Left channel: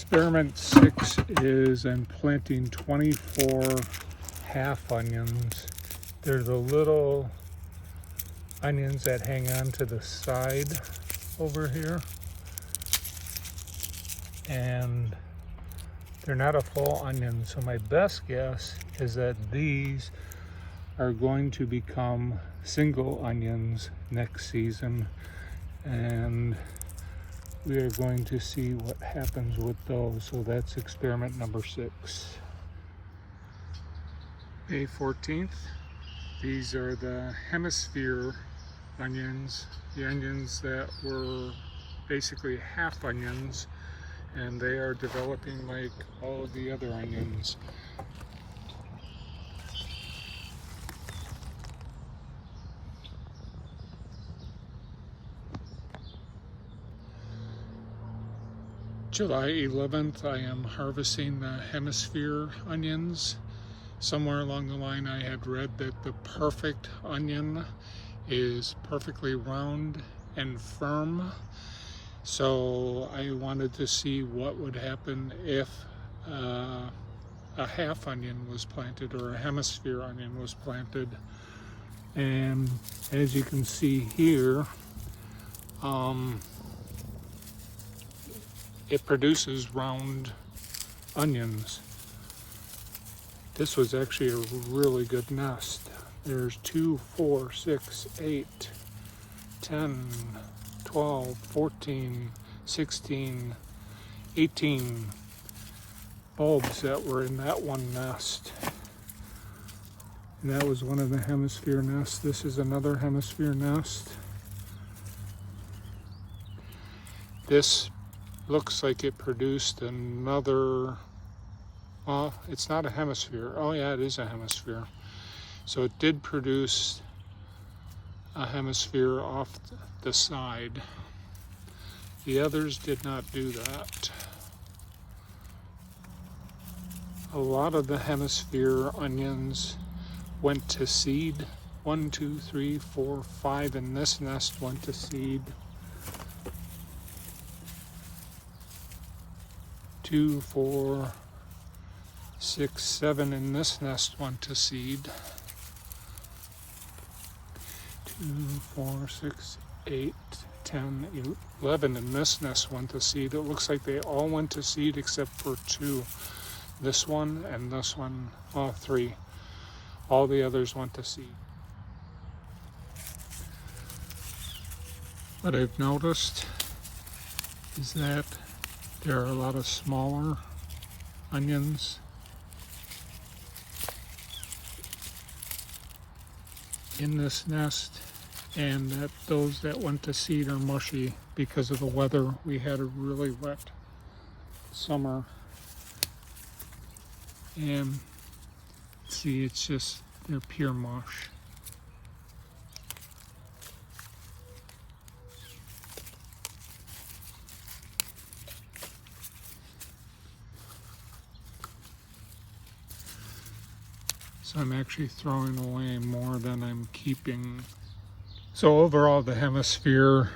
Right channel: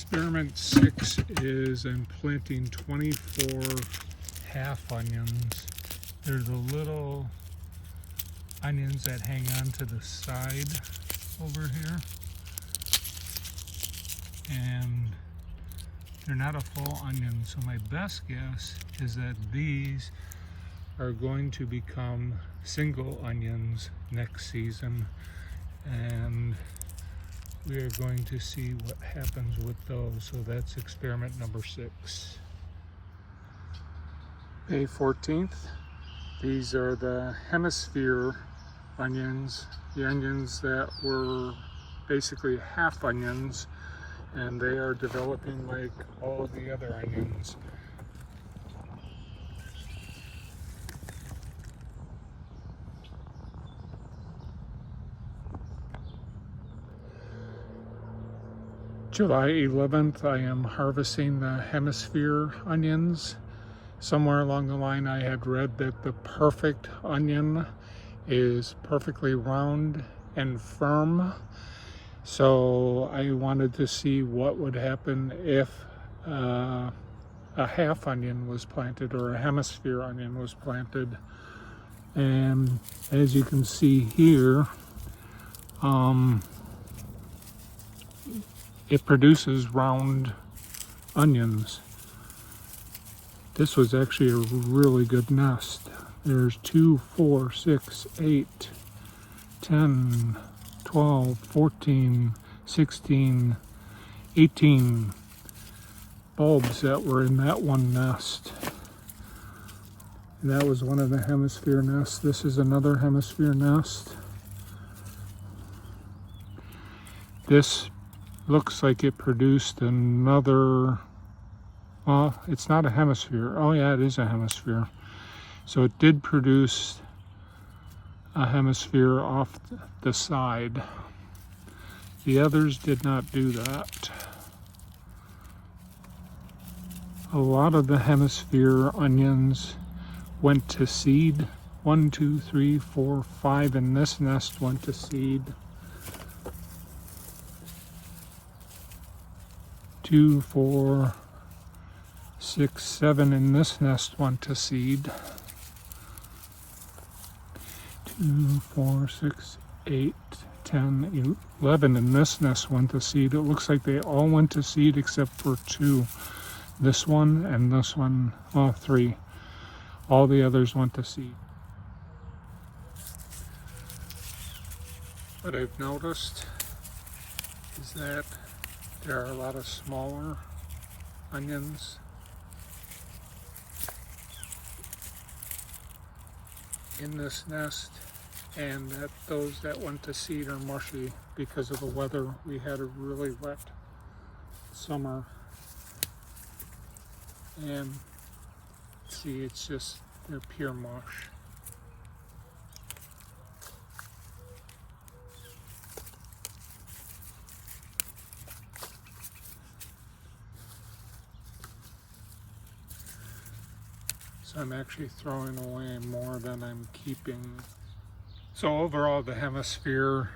Experiment 6 is I'm planting 24 half onions. They're the little onions that hang on to the side over here. And they're not a full onion, so my best guess is that these are going to become single onions next season, and we are going to see what happens with those. So that's experiment number 6. May 14th. These are the hemisphere onions, the onions that were basically half onions, and they are developing like all of the other onions. July 11th, I am harvesting the hemisphere onions. Somewhere along the line I had read that the perfect onion is perfectly round and firm. So I wanted to see what would happen if a half onion was planted or a hemisphere onion was planted. And as you can see here, it produces round onions. This was actually a really good nest. There's 2, 4, 6, 8, 10, 12, 14, 16, 18 bulbs that were in that one nest. And that was one of the hemisphere nests. This is another hemisphere nest. This looks like it produced another, well, it's not a hemisphere. Oh yeah, it is a hemisphere. So it did produce a hemisphere off the side. The others did not do that. A lot of the hemisphere onions went to seed. 1, 2, 3, 4, 5 in this nest went to seed. 2, 4, 6, 7 in this nest went to seed. 2, 4, 6, 8, 10, 11 in this nest went to seed. It looks like they all went to seed except for 2. This one and this one, well, 3. All the others went to seed. What I've noticed is that there are a lot of smaller onions in this nest, and that those that went to seed are mushy because of the weather. We had a really wet summer, and see, it's just, they're pure mush. So I'm actually throwing away more than I'm keeping. So overall, the hemisphere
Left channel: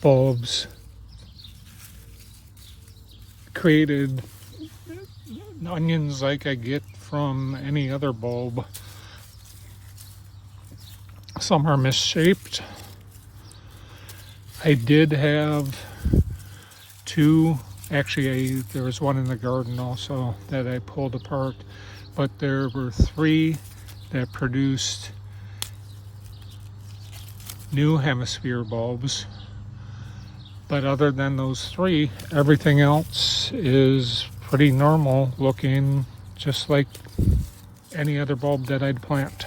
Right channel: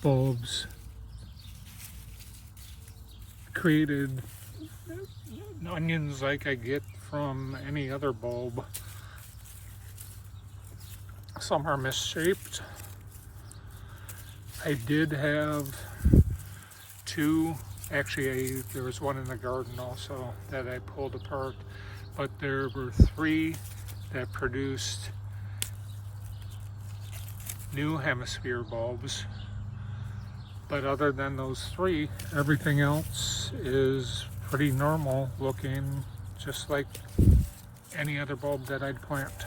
bulbs created onions like I get from any other bulb. Some are misshaped. I did have 2, actually there was one in the garden also that I pulled apart. But there were 3 that produced new hemisphere bulbs. But other than those 3, everything else is pretty normal looking, just like any other bulb that I'd plant.